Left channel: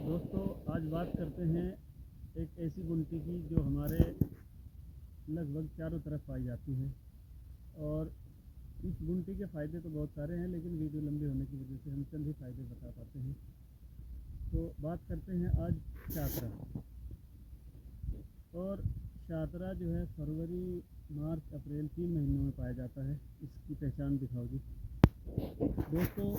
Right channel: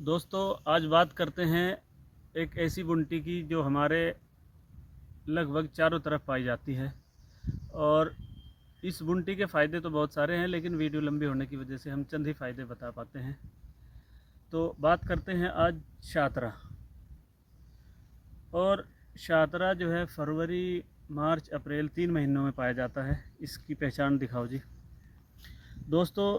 दोस्तों आज बात करते हैं एक ऐसी बुनटी की जो हमारे लगभग चारों तरफ पाई जाती है। और इस बुनटी के फ़ायदे तो बहुत सारे हैं, लेकिन वीडियो लंबी होने की वजह से हम चंद ही फ़ायदे बता पाते हैं। तो बात करते हैं आज शाहतरा। और शाहतरा जो है फरवरी मार्च अप्रैल 3 महीनों में पाया जाता है। इसकी पहचान दिखाओ जी। दोस्तों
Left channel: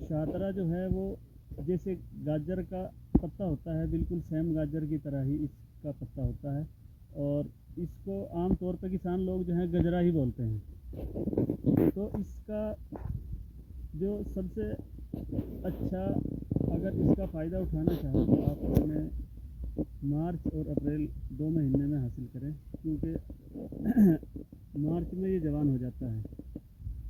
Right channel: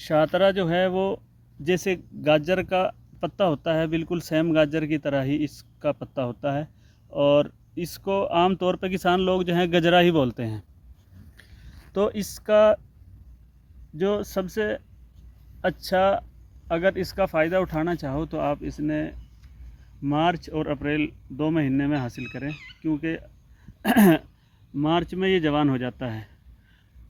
शाहतरा जो है वो जैसे गाजर का पत्ता होता है, बिल्कुल सेम गाजर की तरह ही इसका पत्ता होता है। और इसको आम तौर पर किसान लोग जो हैं गजरा ही बोलते हैं। तो इसका जो सबसे अच्छा, अगर इसका फ़ायदा उठाना चाहो तो आप इसने मार्च और अप्रैल 2 महीने में हासिल करें, क्योंकि मार्च में ये जवान हो जाता है।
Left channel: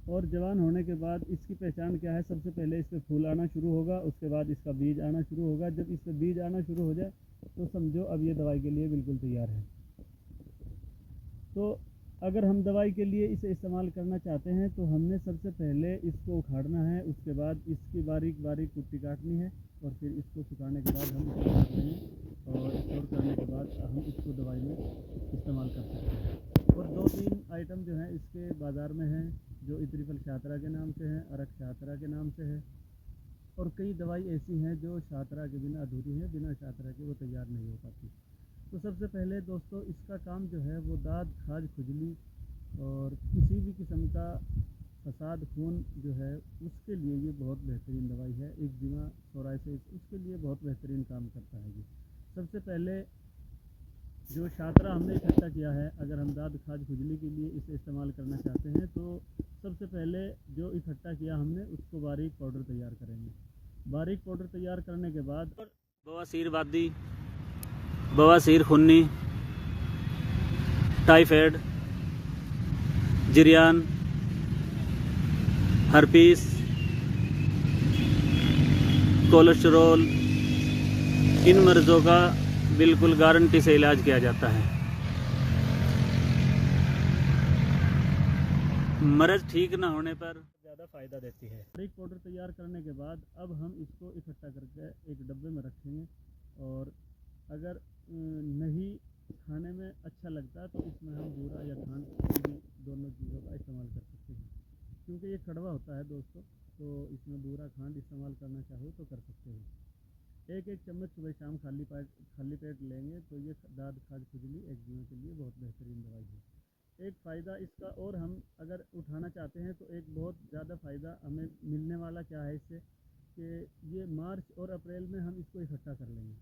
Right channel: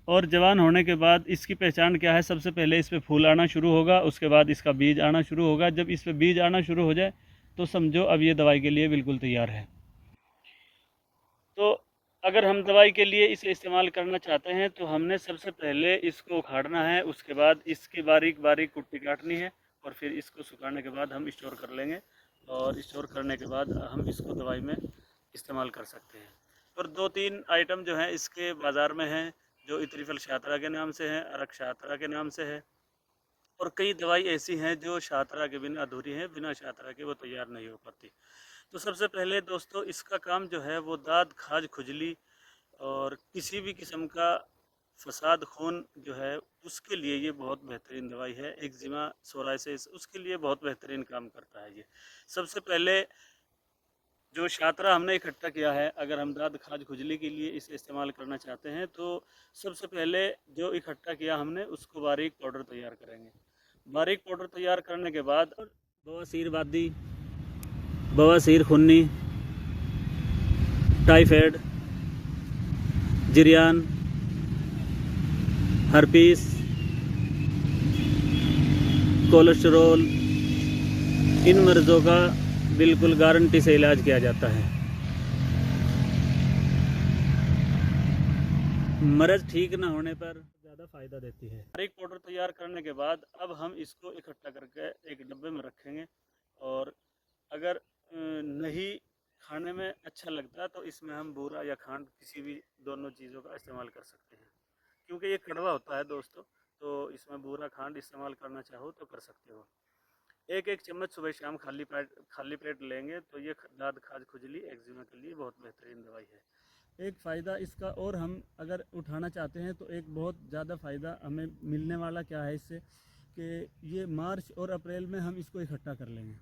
और जवान होने के बाद इसकी पहचान क्या है? सबसे पहले इस पे फूल आना शुरू होगा, उसके बाद इसका बीज आना शुरू होगा। जब इस पे बीज आना शुरू हो जाए तो समझो अब ये दवाई के लिए बिल्कुल तैयार है। तो अगर हम दवाई के लिए इसे इस्तेमाल करना चाहते हैं तो हमने सबसे पहले इसको उखाड़ना है, उसके बाद इसकी बारीक बारीक कुट्टी काटनी है, और फिर इसको सुखाने के बाद हम स्टोर कर लेंगे। और स्टोर करने के बाद हम इसको दवाई में इस्तेमाल कर सकते हैं। और 2-3 आइटम जो हैं इसके बाज़ार में हैं, जो इत्रिफल शाहतरा के नाम से है, अरक शाहतरा के नाम से है। और कई दवाई ऐसी हैं जो शाहतरा के बिना अधूरी हैं, बिना शाहतरा के वो तैयार नहीं हो पाती। तो सबसे पहले दोस्तों इसका काम जो है वो दाद, खाज, खुजली और किसी भी किस्म का फसाद खून जो है उसके लिए ये बहुत बेहतरीन दवाई है। एक्जिमा, सोराइसिस, उसके लिए बहुत बेहतरीन काम करता है ये। सबसे पहले जो शाहतरा हमने इकट्ठा किया है, अगर हम दाद, खाज, खुजली के लिए इसे इस्तेमाल करना चाहते हैं तो सबसे पहले जो इकट्ठा किया हमने उसको बारीक पाउडर तैयार करेंगे। बारीक पाउडर तैयार करने के बाद बवासीर वादी, बवासीर खूनी, टाइफाइड, जिरियान, हर्पीस, कोलेस्टेरोल, इन मर्ज़ों का बिल्कुल गारंटी से इलाज किया जाता है। मर्ज़ ठीक ना होने पर ज़्यादा फ़ायदा देती है। बारीक पाउडर तैयार करने के बाद अब हम इसको इकट्ठा करके एक डब्बे में रखेंगे। और अगर नहीं खाने में अच्छा लगता तो इसमें हम बूरा या खांड, किसी भी दोनों चीज़ों का इस्तेमाल कर सकते हैं, क्योंकि ये कड़वा होता है दोस्तों। तो इसमें बूरा, खांड इस्तेमाल करना चाहो तो कर सकते हो। एक चम्मच सुबह शाम खाली पेट लेंगे तो ये दाद, खाज, खुजली, एक्जिमा के लिए बहुत बेहतरीन दवाई है। एक फ़ायदा इसका और हम अगर उठाना चाहते हैं तो एक बहुत ज़्यादा फ़ायदा हमें मिलने वाला क्या है इससे, कि ये मार्च और अप्रैल में हम इसको इकट्ठा कर लेंगे।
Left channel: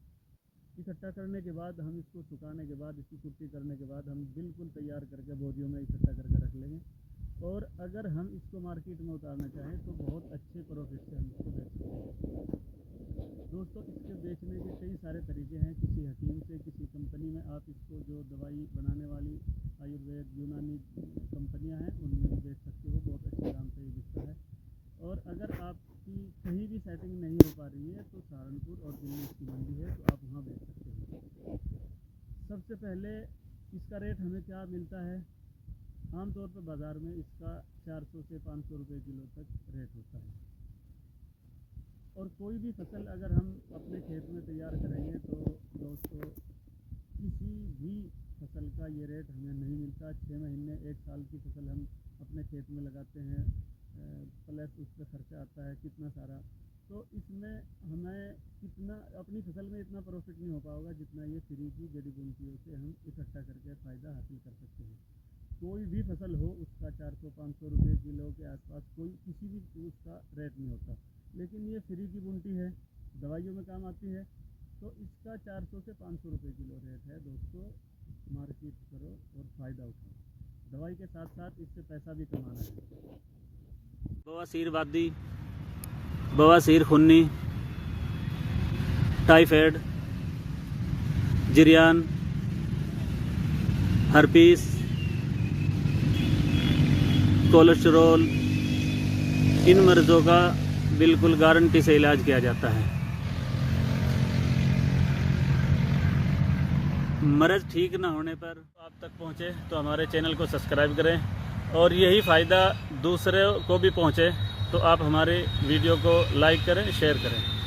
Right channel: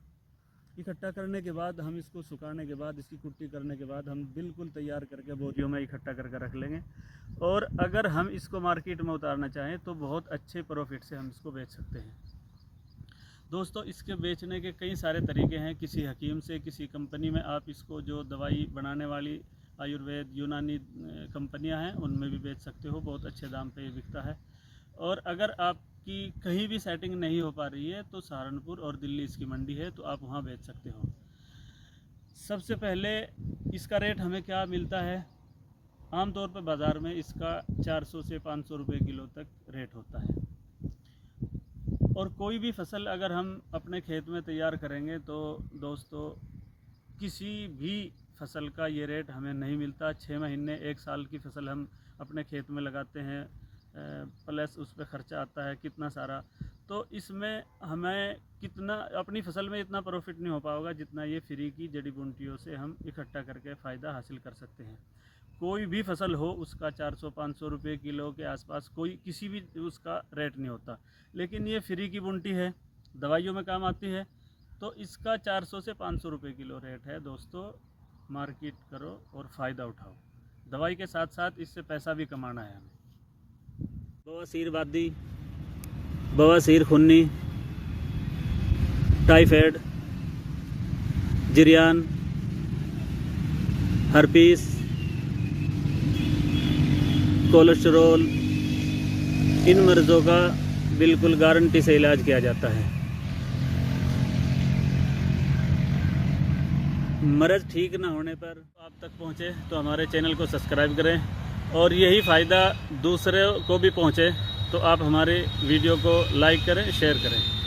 इकट्ठा करने के बाद हम इसको सुखाने के बाद, इसकी कुट्टी करने के बाद हम बिल्कुल तैयार करके बोरियों में इकट्ठा करके रख लेंगे। और अगर हम इसको मार्केट में उतारना चाहें तो बहुत अच्छे प्रॉफिट से हम इसको बेच सकते हैं। दोस्तों इसके बेचने के कई सारे तरीके हैं। किसी हकीम से, किसी कंपनी में आप इसको, जो दवाई बनाने वाली आयुर्वेद, यूनानी कंपनियां हैं, उनमें भी बेच सकते हो। बहुत अच्छे दाम पे ये बिकता है। और अगर आपकी कहीं भी सेटिंग नहीं हो पा रही है तो सहारनपुर और दिल्ली इसकी मंडी है, तो आप वहाँ बेच सकते हो। सबसे पहले इसका रेट हमें क्या मिलता है? आमतौर पर बाज़ार में इसका 400 से 500 रुपये किलो तक रेट होता है। और कोई भी फसल अगर हम अपने खेत में तैयार करेंगे तो दोस्तों किसी भी फसल का ये रेट हमें नहीं मिलता। 6 महीने, 1 साल की फसल हम अपने खेत में लगाते हैं, प्लस उस पर ख़र्चा आता है कितना सारा। तो इसमें हमें कितना, अपनी फसल में इतना प्रॉफिट नहीं हो पाएगा जितना ये फ्री की जड़ी बूटियों से हम इकट्ठा करके फ़ायदा हासिल कर सकते हैं। कोई भी फसल हो उसका 400-500 रुपये किलो के आसपास कोई किसी भी उसका रेट नहीं होता। लेकिन ये फ्री की बुनटी है, दवाइयों में काम आती है, तो इसका 400 से 500 रुपये किलो रेट है। दोस्तों मार्केट करो और फ़ायदा उठाओ। दवाई के साथ साथ इससे पैसा भी कमाना है। बवासीर वादी, बवासीर खूनी, टाइफाइड, जिरियान, हर्पीस, कोलेस्टेरोल, इन मर्ज़ों का बिल्कुल गारंटी से इलाज किया जाता है। मर्ज़ ठीक ना होने पर आप तक पहुँचे तो हमारे चैनल को सब्सक्राइब करें, और यही फ़ायदा दूसरे को भी पहुँचे तो आप हमारे वीडियो को लाइक करें, शेयर करें।